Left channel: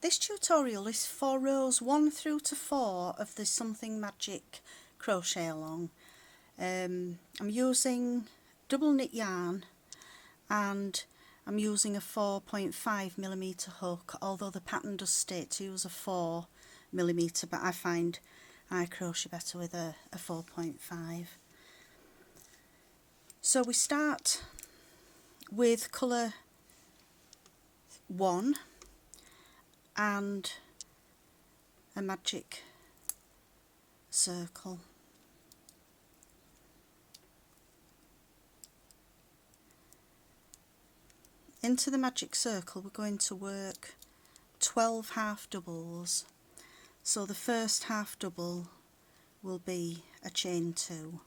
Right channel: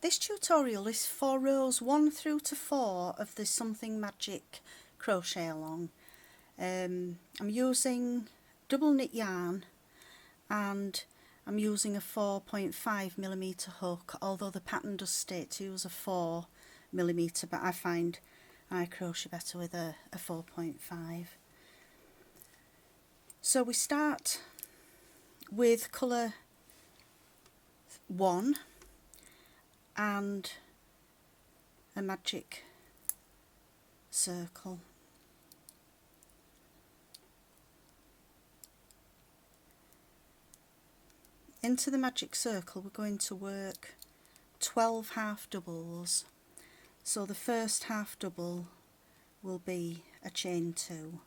This tutorial is for rows 1 through to 4 of the Something Magic crochet along. I'm using double knit yarn and I'm using a 4.5mm hook, although the pattern does state to use a 4mm, but I find I crochet better with a 4.5. So we start with colour 1 and a magic circle. Into the magic circle we're going to work 12 half doubles. So the first half double will be a chain 2,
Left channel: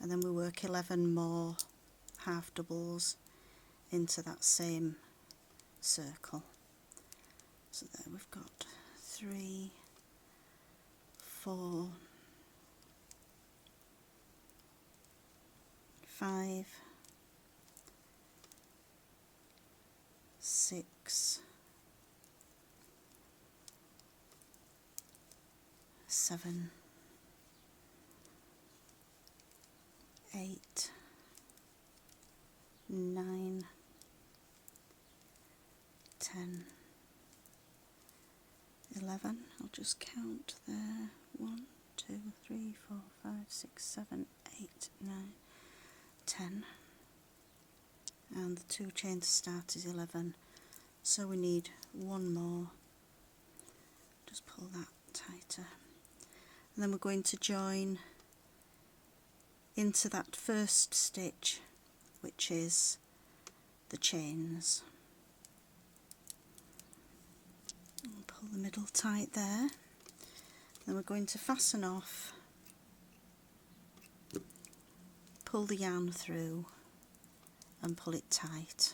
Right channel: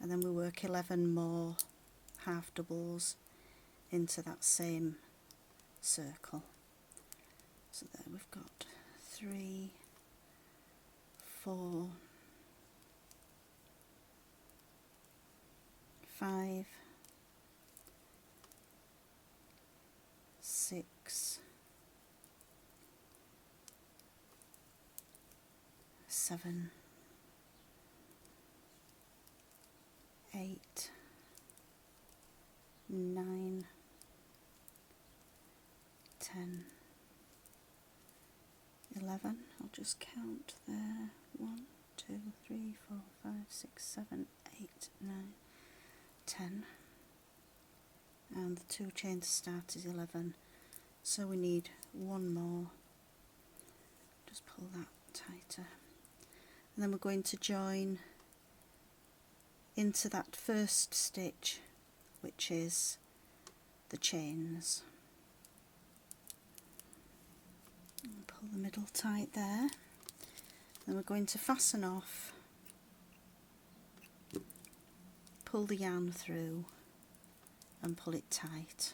and then we work 11 more half doubles into that same circle. So there we've got 3, 4, 5, 6, 7, 8, 9, 10, 11. I'll just count there. 1, 2, 3, 4, 5, 6, 7, 8, 9, 10. And the 2 chains to start is 11. So we need one more. Just pull that tighter. And then we're going to join into that first stitch, which is the chains. And pull the middle tight there. Then we're going to fasten off, pull the yarn through and pull it tight.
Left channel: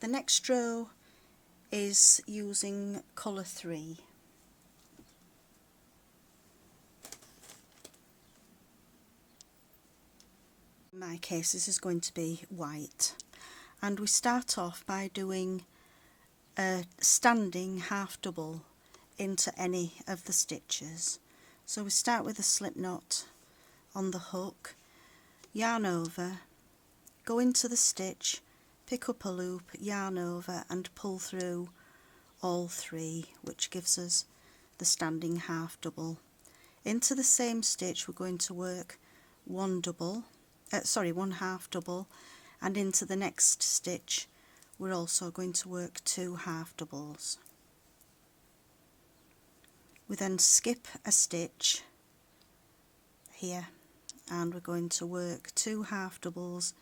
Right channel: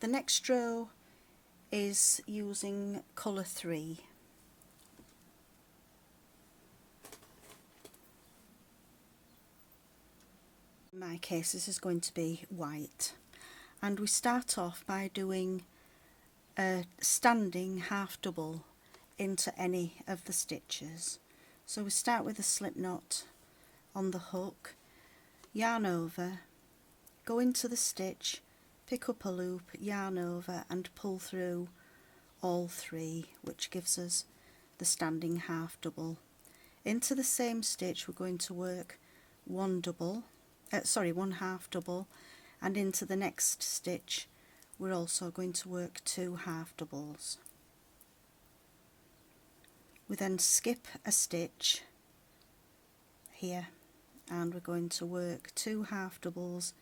The next row is using colour 3. In my case this is going to be white, and we start off by doing a standing half double into any of the stitches. So we start with a slip knot on the hook, yarn over, go into the stitch, pick up a loop, yarn over and pull through all 3, which gives us the standing half double. Into the same stitch we're going to work one half double, and into the next stitch we're also going to work 2 half doubles. We then skip a stitch here and we're going to work 2 half doubles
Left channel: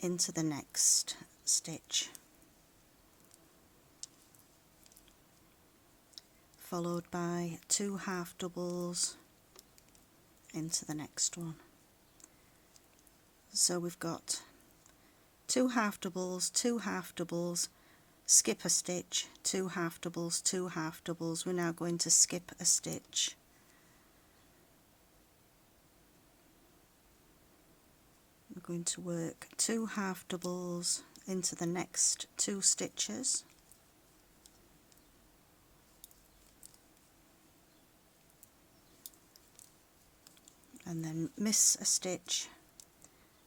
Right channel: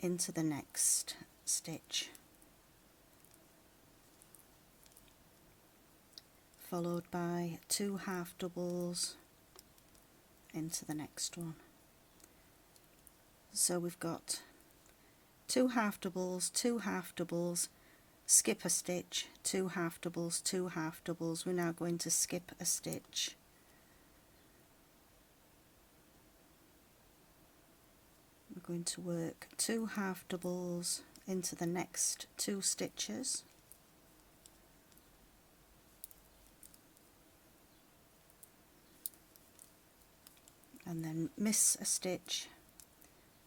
into the next stitch, followed by 2 half doubles into the next one. So we've got 2 half doubles, 2 half doubles, skip a stitch, 2 half doubles, 2 half doubles. We're now going to skip a stitch, we're going to work 2 half doubles into the next 2 stitches, and then miss a stitch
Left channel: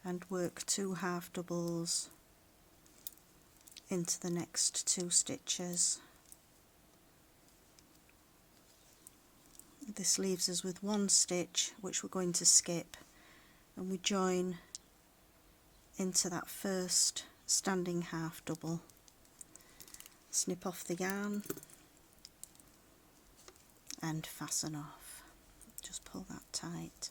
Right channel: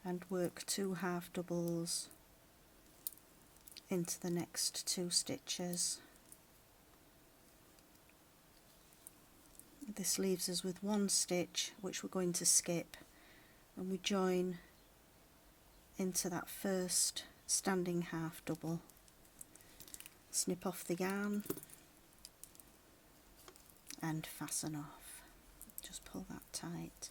and work 2 half doubles into the next 2 stitches. This leaves us with 1 stitch which we're going to skip, and we join into that first standing half double, snip off the yarn and fasten off. Just pull that tight.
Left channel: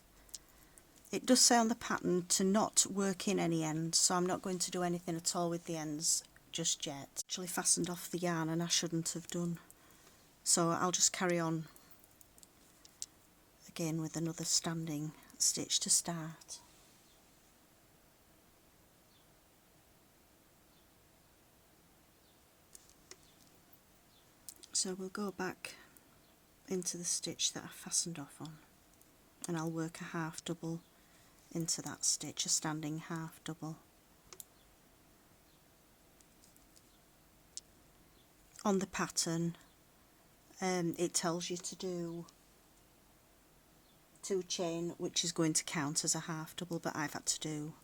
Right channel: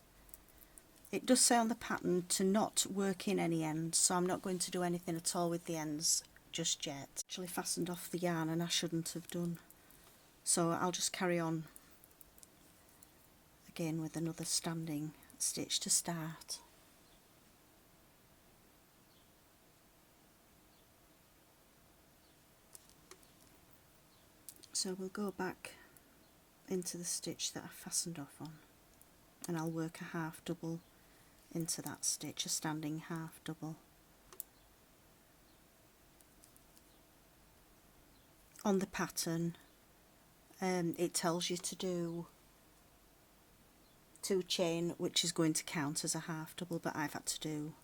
It does say on the pattern to not work in any ends, so I'm not going to do anything at all with the ends just yet. Actually fastened off the yarn and I shouldn't have done, so I'll just carry on again with another standing stitch to start. So we'll go back into the stitch that I fastened off on, and I'll work a half double into that stitch, a standing half double. on the pattern it tells you to do 2 chain, which is going to count as a half double, but I've had to do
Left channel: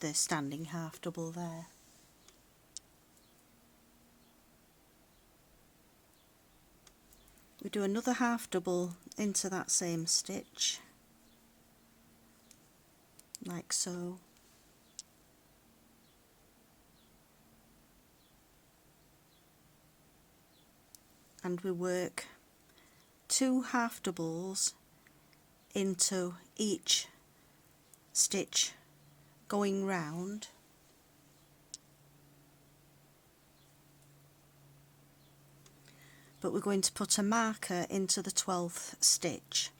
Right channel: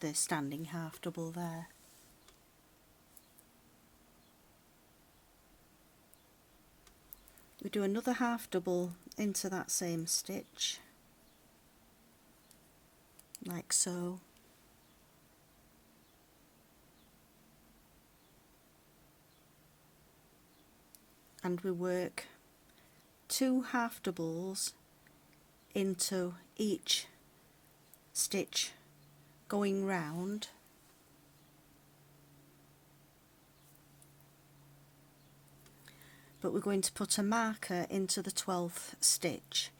the standing half double there. We do another half double into that same stitch, like so. And we work 2 half doubles into each stitch going round, but we're going to put a marker into the 12th stitch.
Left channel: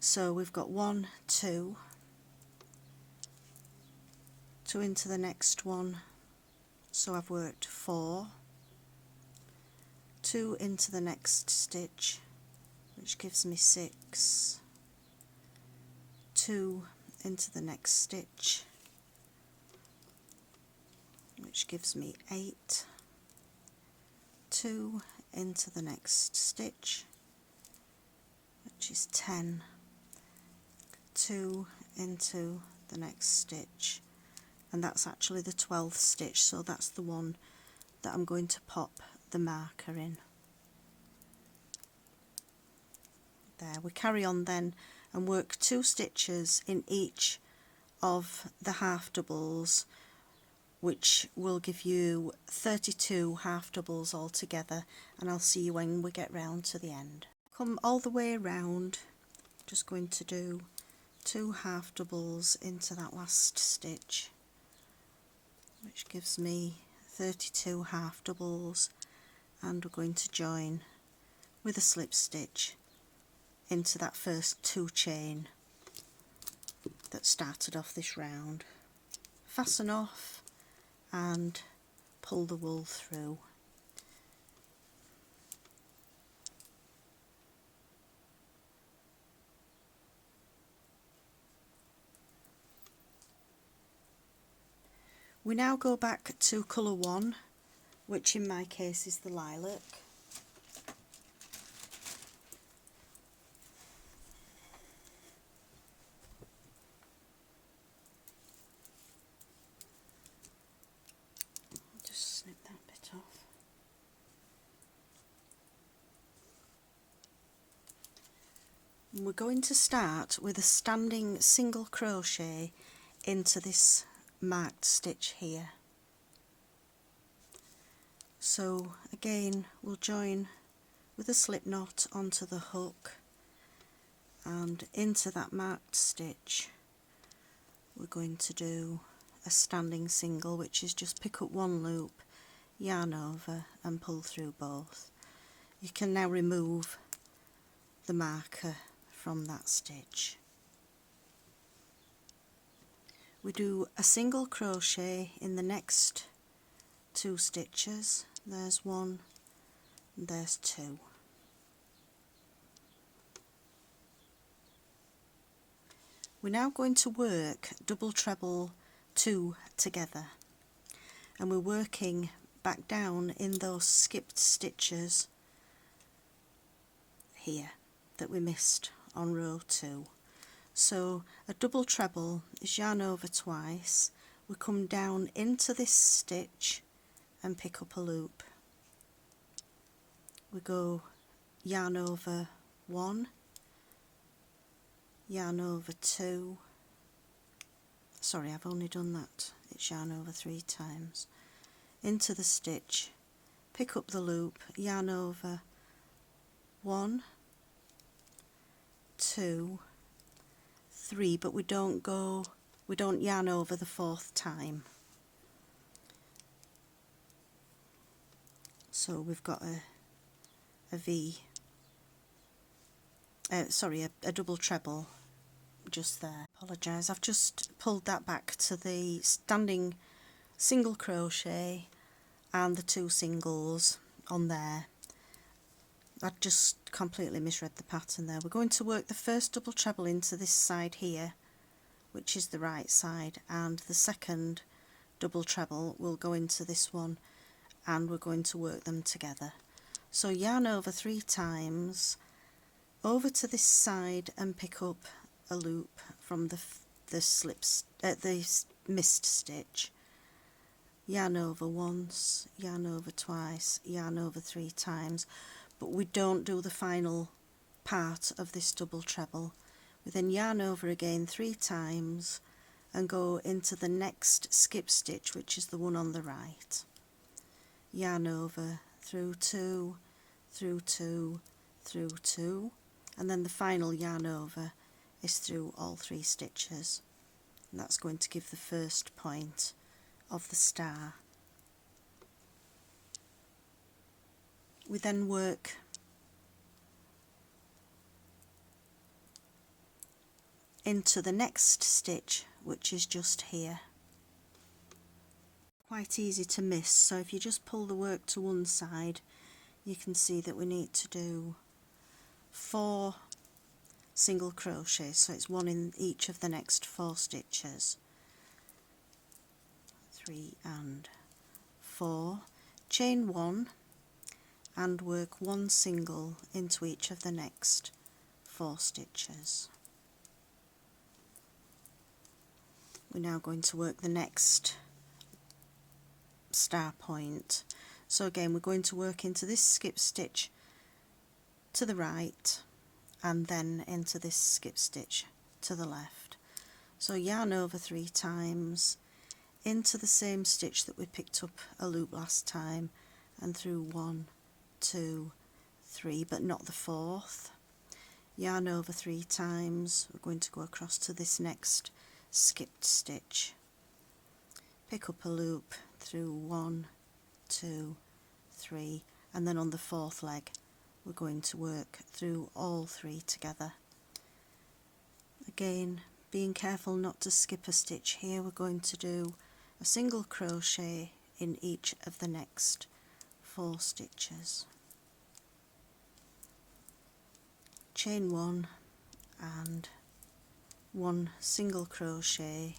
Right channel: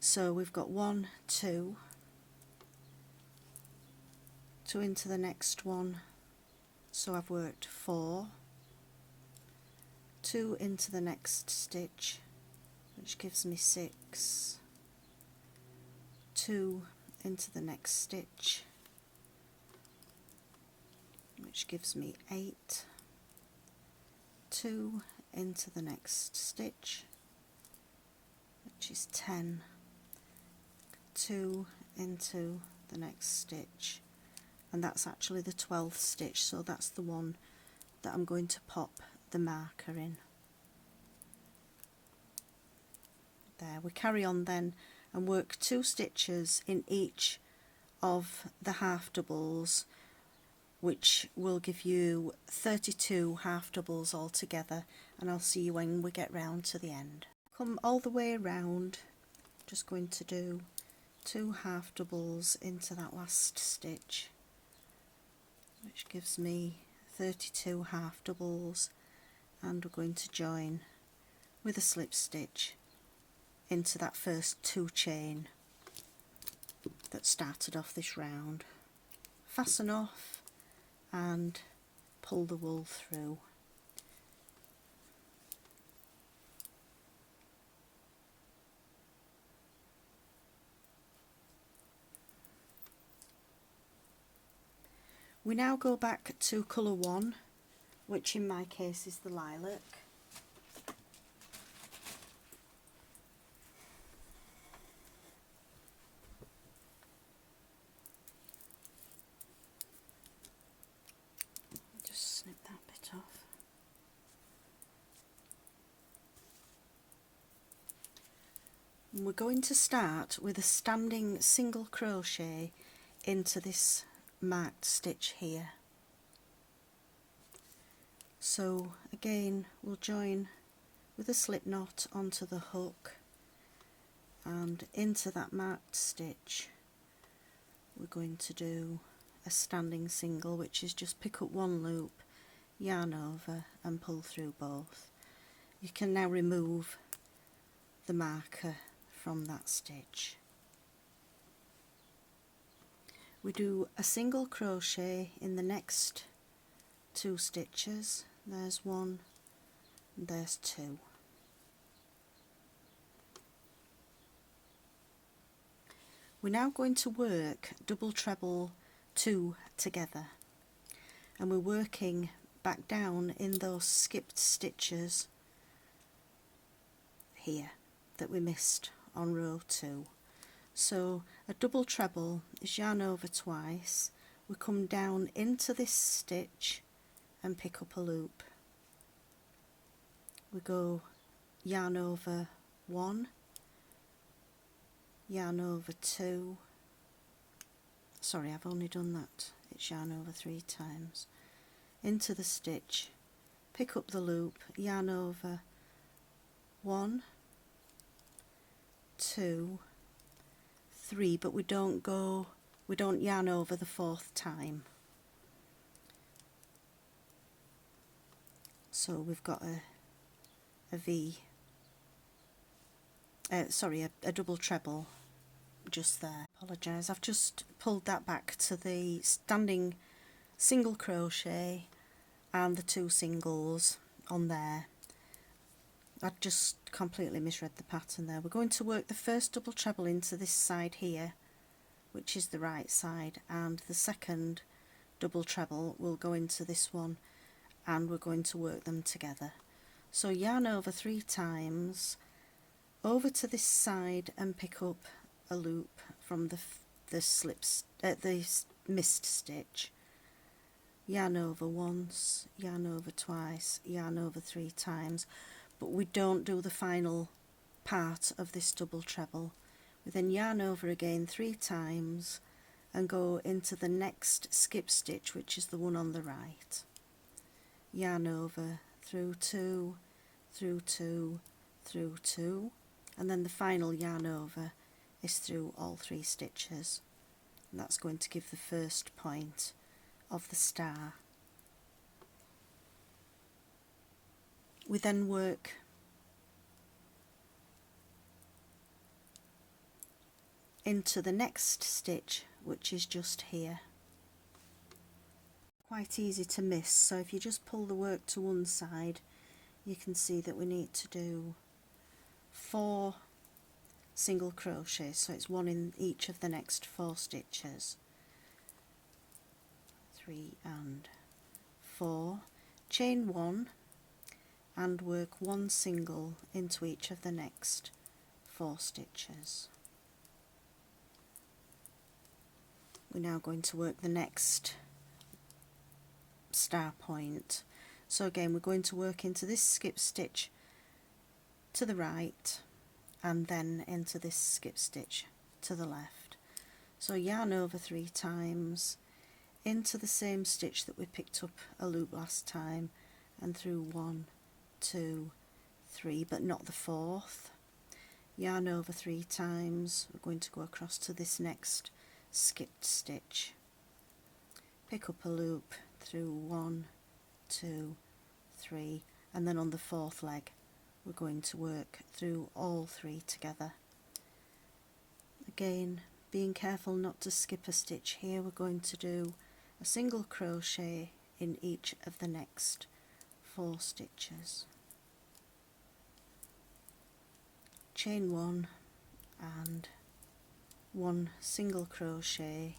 So we've got 1, 2, 2 into the next one, so I've worked 4, 2 into the next stitch, which gives me 6, 2 into the next stitch, which gives me 8, 2 into the next stitch, which is 10, 2 into the next stitch, and that's actually the 12th stitch, so that's the one that I'm going to pop the marker in. There, we carry on then and work 2 stitches in each of the half doubles, which will give you 32 half doubles altogether, and I'll see you when we get round to the end. Come all the way around, just going to do 2 half doubles into that last stitch, which gives me 32 half doubles, and we're going to join with a slip stitch into that first 2 chain that started off this round. Fasten off and pull the wool through. We now go back to colour 1, which in my case is the lilac. Just snip that bit off. And we're going to start with a standing single crochet into this marked stitch here. So again, we'll join with a slip knot onto the hook, and into that marked stitch we're going to do a standing single, which is just pick up 1 loop, yarn over and pull through both. You can now remove the marker from that stitch. We do a single crochet in the next 2 stitches. There's 1 and there's 2. We're now going to work double treble 2 together, and we're working back down in those skipped stitches here that we missed on row 2. So a double treble is yarn over twice, we come down into this stitch and pick up a loop. We go yarn over 1, yarn over 2, sorry, I've only done that, it's yarn over 3 times, into the stitch, pick up the loop, yarn over 1, 2, 3, but we don't yarn over the 4th time. So we've got a V, sorry, a double treble just there. Apologise, I've just pulled that back to the standing single crochet and the 2 singles on there. I just completely misread the pattern there. We're going to work the first double treble into this side here, which is the right side, and the second double treble will go into this one, and we're going to work them together. So yarn over 3 times, over to this side and pick up a loop from the missed stitch. Yarn over once, yarn over twice, yarn over 3 times, but we don't do the final part of this double treble. We then yarn over again 3 times and go into the next skip stitch, which is the one on the right. Yarn over through 2, through 2, through 2, and then the final yarn over is through all 3 stitches, and that's going to give the first point of the star. We then work into the next stitch, which is just here. Quite easy to miss, so if you just pull the work to one side, you can see that we need to do 4 single crochets, so it's 1 in each of the next 4 stitches. 3 and 4, chain 1 and work 1 single into each of the next 4 stitches. We're now going to work the next star point. So again, we're going to work into this skip stitch to the right and then into this skip stitch to the left. So yarn over 3 times, into the same stitch that we picked up a loop last time, and through 1, 2, 3, but not the 4th. Yarn over 3 times, we're going to go across to this next skipped stitch, pick up a loop through 1, 2, 3, and then on the 4th leg we're going to work through all 3 together. Again, being careful not to skip a stitch here, we're going to do a single crochet in each of the next 4 stitches. Chain 1 and 1 single crochet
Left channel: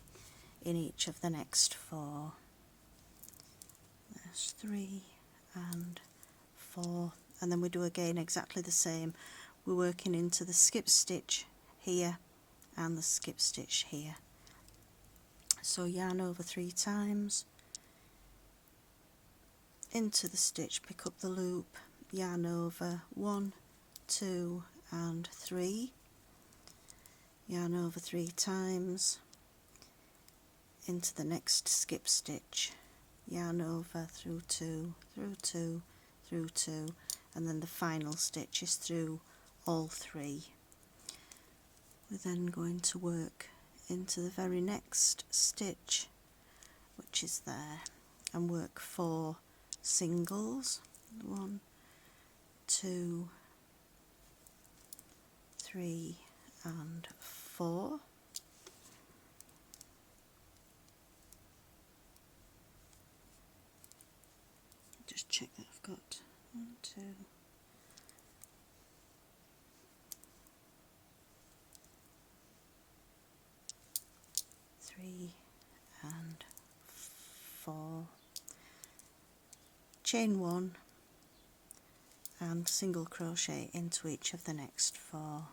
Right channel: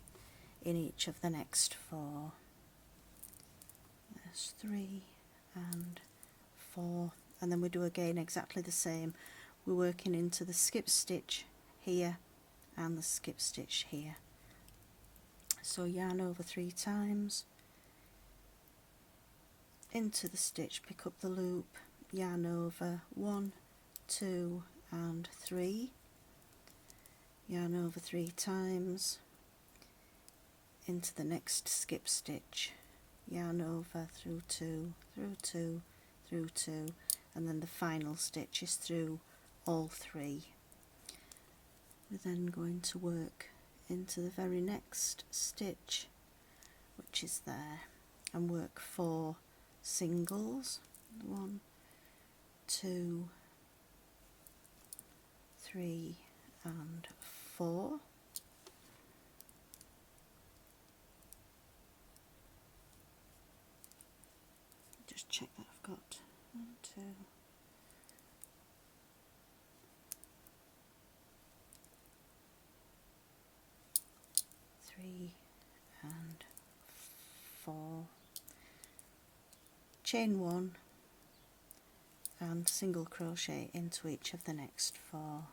in each of the next 4. There's 3 and 4, and then we do again exactly the same. We're working into the skip stitch here and the skip stitch here. So yarn over 3 times, into the stitch, pick up the loop, yarn over 1, 2 and 3, yarn over 3 times, into the next skip stitch, yarn over through 2, through 2, through 2, and then the final stitch is through all 3. We're then going to work into the very next stitch, which is there, and work 4 singles, 1, 2, 3 and 4. Just check that I've got 1, 2, 3 and 4, chain 1 and single crochet into each of the next 4.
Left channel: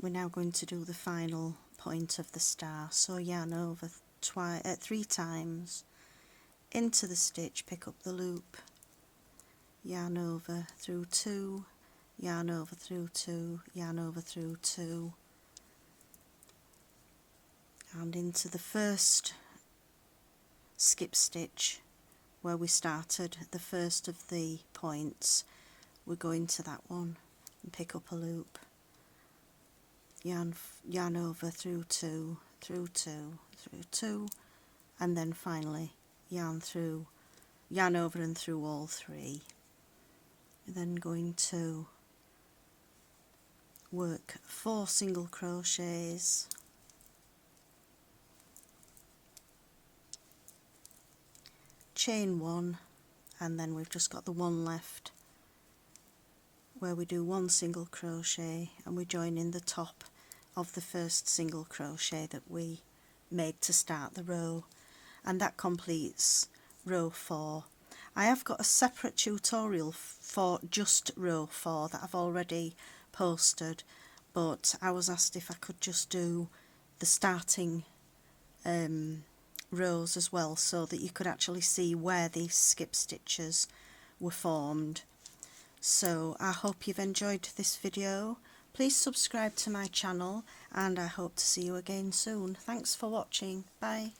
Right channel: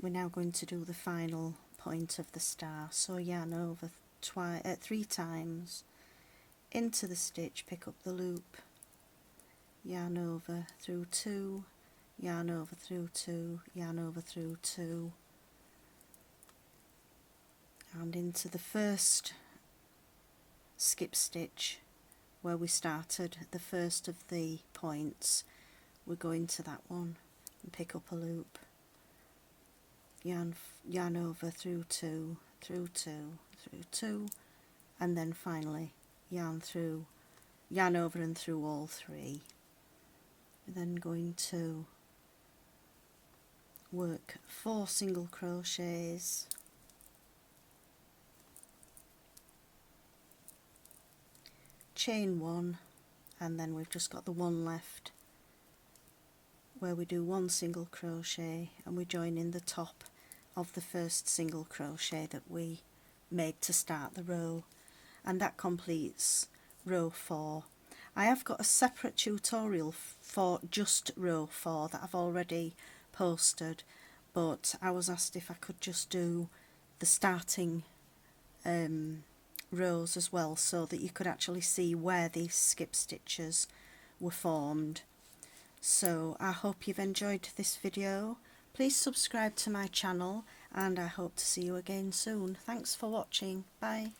We're now going to do the final point of the star, so yarn over 3 times, into the stitch, pick up the loop, yarn over through 2, yarn over through 2, yarn over through 2, and into the first skip stitch where we started the first of the points. We go into that one and pick up a loop, yarn over through 2, through 2, through 2, and then finally yarn over and through all 3. We're then going to work 4 single crochets, chain 1, and then we've just got the one left where we do 1 single crochet and we join in the top of the first single crochet that we made to start the row, and that completes row 4. I have got a separate tutorial for just row 4 that I've already posted, but I was asked if I could just do the starting rows as well, so that you could actually see where these skip stitches were formed. So I hope you've enjoyed this video. Please subscribe to my channel, and I hope to see you again soon. Thanks for watching. Bye.